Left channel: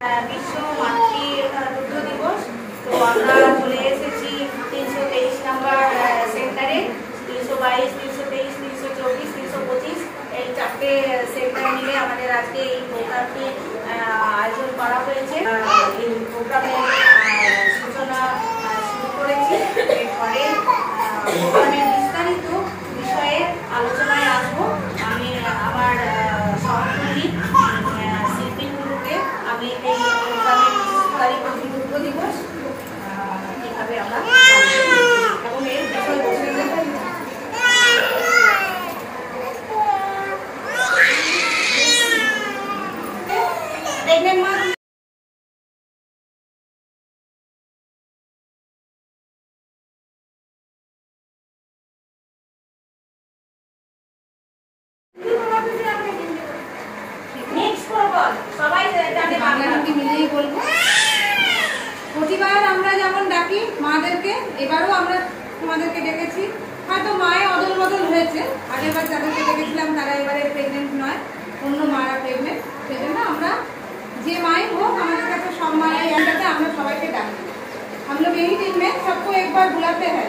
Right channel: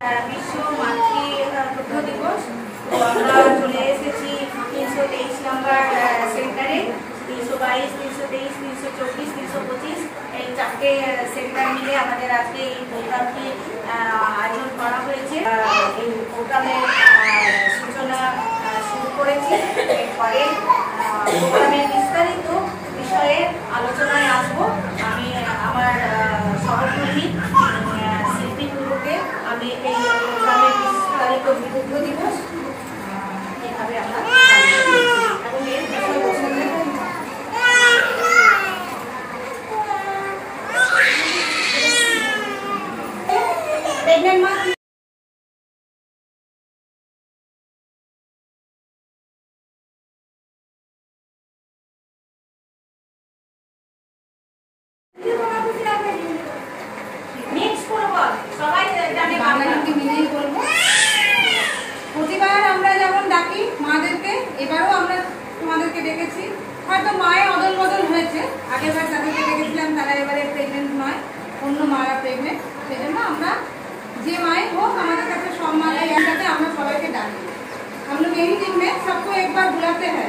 বিশ্ব মাতৃ দুগ্ধ দিবস। তো আমরা চলে এসেছি 323 নম্বর সেন্টারে। 322, 323, 324, 325 এই চারটে সেন্টার মিলে আমাদের আজকে এই প্রোগ্রামটি আয়োজন করা হয়েছে। এই প্রোগ্রামের সূচনা শুরু করেছি। এরপরে প্রোগ্রামের বিস্তারিত বিষয়ে আলোচনায় আসবো। আমি আমার সহকর্মী শিল্পীগুলোকে আমি এই প্রোগ্রামের বিস্তারিত দুগ্ধ দিবস কিভাবে আমরা এবং এর বিষয়বস্তু প্রেগনেন্ট মা প্রতিবার আমরা যেমন ডাকি মাদেরকে, এবারও আমরা তোমাদেরকে ডেকেছি। হয়তো মায়ের অদল বদল হয়েছে, আগের বার যাদেরকে ডেকেছিলাম তারা এবারে প্রেগনেন্ট নয়, অন্য মারা প্রেগনেন্ট। সেই জন্য আমরা যে माए হোক हमारे কাছে সম্মান है, আমরা সবাইকে ডাকি। हम लोग यही दिन में सबको एक बार बुलाते हैं।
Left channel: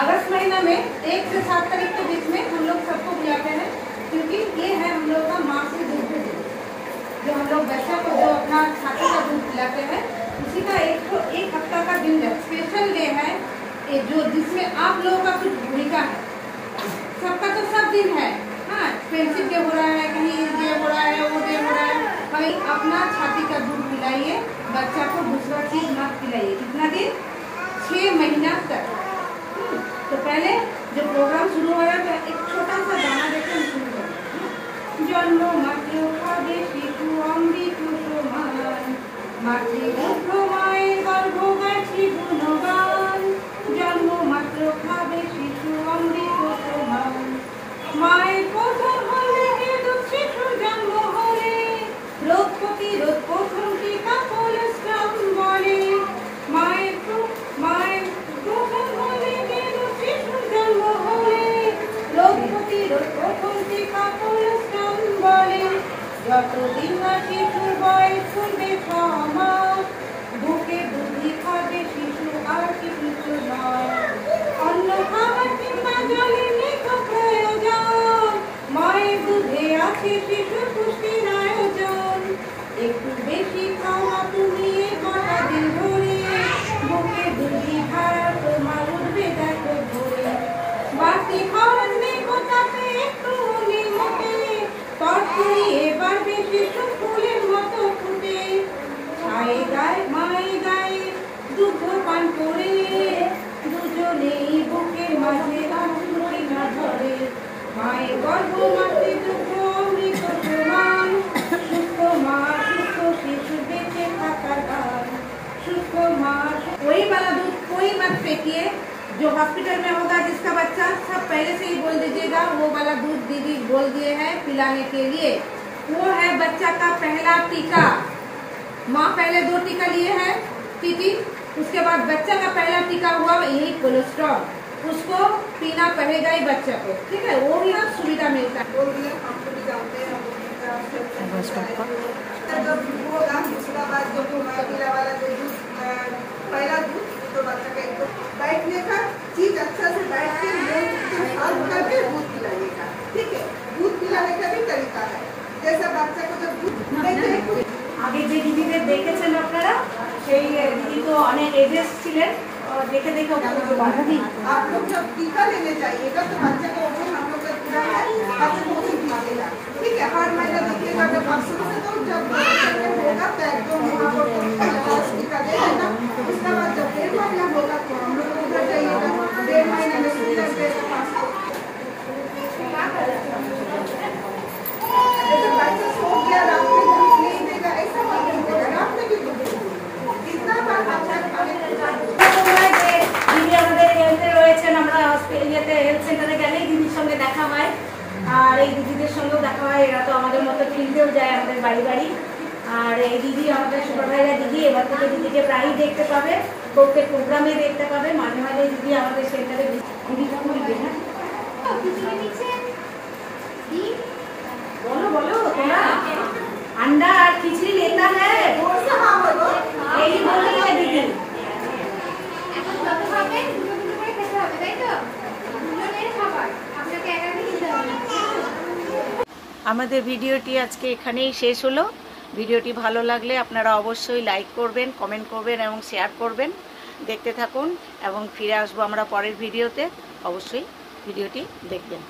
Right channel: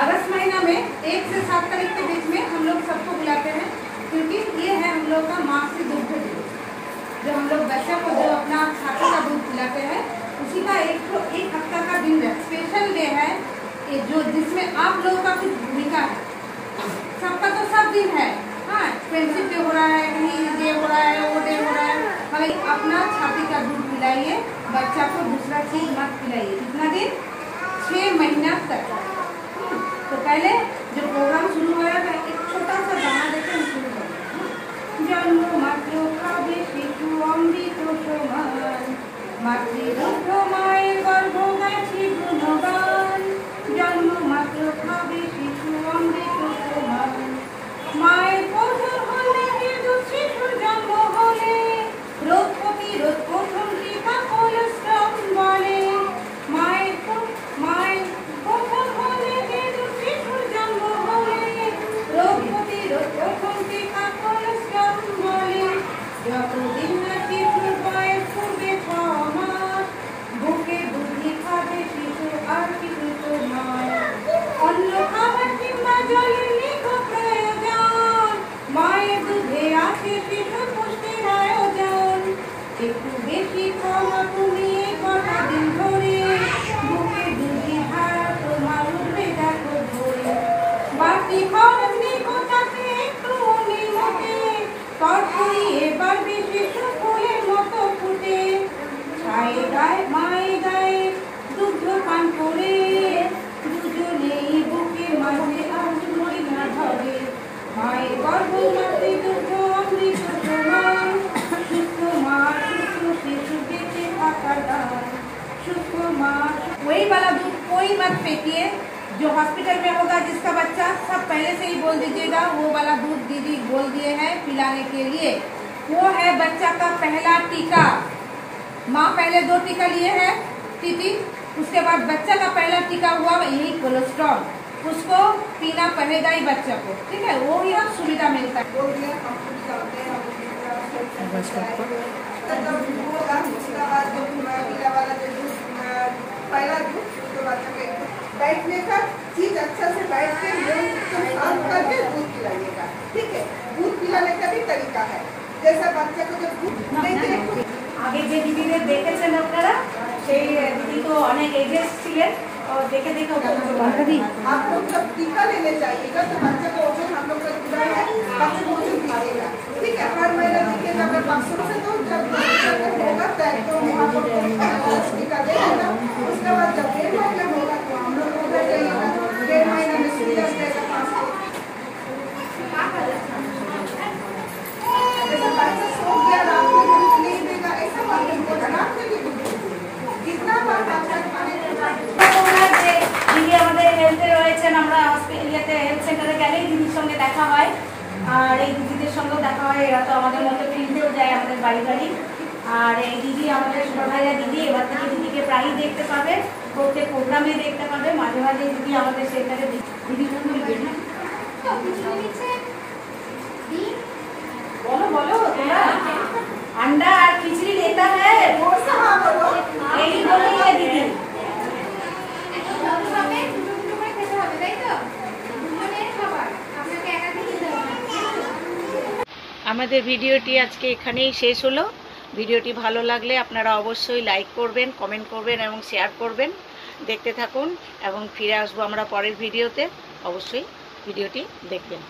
अगस्त महीना में 1 से 7 तारीख के बीच में हम लोग सबको बुलाते हैं, क्योंकि ये है हम लोग का मातृ दुग्ध दिवस। जो हम लोग बच्चा को जो अपना छाती का दूध पिलाते हैं, उसी का एक हफ्ता का दिन है, स्पेशल डे है जो जिसमें आप लोगों का कुछ भूमिका है। सबका तो सब दिन है, हाँ फ्रेंडशिप डे हो रहा है, कहीं ये हो रहा है, वो डे हो रहा है, मगर अपना छाती का दूध पिलाइए, बच्चा को दूसरा चीज मत पिलाइए। कितना दिन? 6 महीना तक। तो पहले जो प्रोग्राम शुरू हो रहा था, एक छोटा सा गाना देखे हम शुरू करें। जन्म मात्र खाबे शिशु अमृत समान, मातृदुग्ध माয়ের গর্ভ গাছি গুণগান। জন্ম মাত্র খাবে শিশু অমৃত সমান, মায়ের প্রথম হলে শিশুর জন্ম হলে রোগ প্রতিরোধ প্রথম টিকা কোলেস্ট্রম বলে। মায়ের প্রথম হলে শিশুর জন্ম হলে রোগ প্রতিরোধ প্রথম টিকা কোলেস্ট্রম বলে। যতদিন না শিশুর বয়স পূর্বে 6 মাস, বুকে দুধই খাবে শিশু আর কিছু নয়। অন্য খাবার কিংবা জলের নেই প্রয়োজন, মায়ের দুধে আছে শিশু পুষ্টির আয়োজন। একটু বেশি খাওয়া তুমি এই কটা দিন ধরে, বুকে দুধই ভাড়া তোমার উঠবে দেখো ধরে। বাকি খরচ নেই তাতে একটু মনে মোটে, তরকারি এবার বেশি ফুলের মতো ফুটে। ছায়ে গায়ে মায়ে গায়ে দুগ্ধ পান করে, দুজনেই বুকের মাঝে আঁচড়ি না ধরে। মায়ের গর্ভ মাতৃ দুগ্ধ অমৃত সমান, সুস্থ মা সুস্থ শিশু বেঁচে থাকা দান। सुख माँ वही वाला दूध कोई मत फेंकिए। जो हॉस्पिटल में होगा जिसका बच्चा, सब पहले से ही बोल दीजिएगा वो वाला दूध दीदी बोल दिए हैं पिलाने के लिए। वो है बच्चा का पहला टीका। माँ पहले 2 टीका लिए है टीटी, उसके बाद बच्चा का पहला टीका हुआ यही कोलेस्ट्रॉल, उसको पीना पड़ेगा ही बच्चा को, ठीक है। वो ही अब सुविधा मिलता है। पहला दूध तो बच्चा का एकदम बैठने का चीज अच्छा से बैठ के मुंह करके दूध पिलाइएगा, ठीक है। दूध पिलाने का भी तरीका है, जैसा बच्चा को जब दूध আগে যে দিদিদের দেখেছেন আপনারা, সেই দিদি তো অনেক এজেস ছিলেন, देखे देखे आप लोग जब टीका लेने जाइएगा तो बच्चा का वजन हम लोग का पूरा है, बच्चा को वजन दिखाएगा, ठीक है। हर महीने देखिएगा अगर 500 से तो जब होगा तो एकदम टीका दे देना। उसके बाद जब 1.5 महीना होगा तो हम लोग को उधर जाइएगा, 1.5 महीना में सुविधा देगा 500। जैसे बच्चा सो गया रात में दूध नहीं देगा, ऐसा मत होगा, रात में भी दूध कितना बार बच्चा खाने দিদি আমাদের হেলথে রয়েছেন। আমরা হসপিটালে হেলথ সেন্টারে গেলেই দিদির সঙ্গে দেখা হয়, আর এই দিদিদের সঙ্গেও দেখা হয়। এরা তো আমাদের মতো ফিল্ডেও যায় আমাদের বাড়ি বাড়ি। আর এই দিদি আমাদের সুভাইরা দিদি, এবার থেকে দিদিকে প্রায়ই দেখতে পাবে, প্রত্যেক প্রোগ্রামে দেখতে পাবে। মাঝে মাঝে দিদি আমাদের সেন্টারে দিদি বলবে না, बोलो बोलो अंडा और खिचड़ी लेता है আমাদের ভিডিওটি আজকে এখানেই শেষ হলো। ভিডিওটি ভালো লাগলে আপনারা অবশ্যই লাইক করবেন, কমেন্ট করবেন এবং শেয়ার করবেন। দেখতে থাকুন এবং ফিরে আসবো আমরা পরের ভিডিওতে। অবশ্যই ভিডিওটি দেখবেন।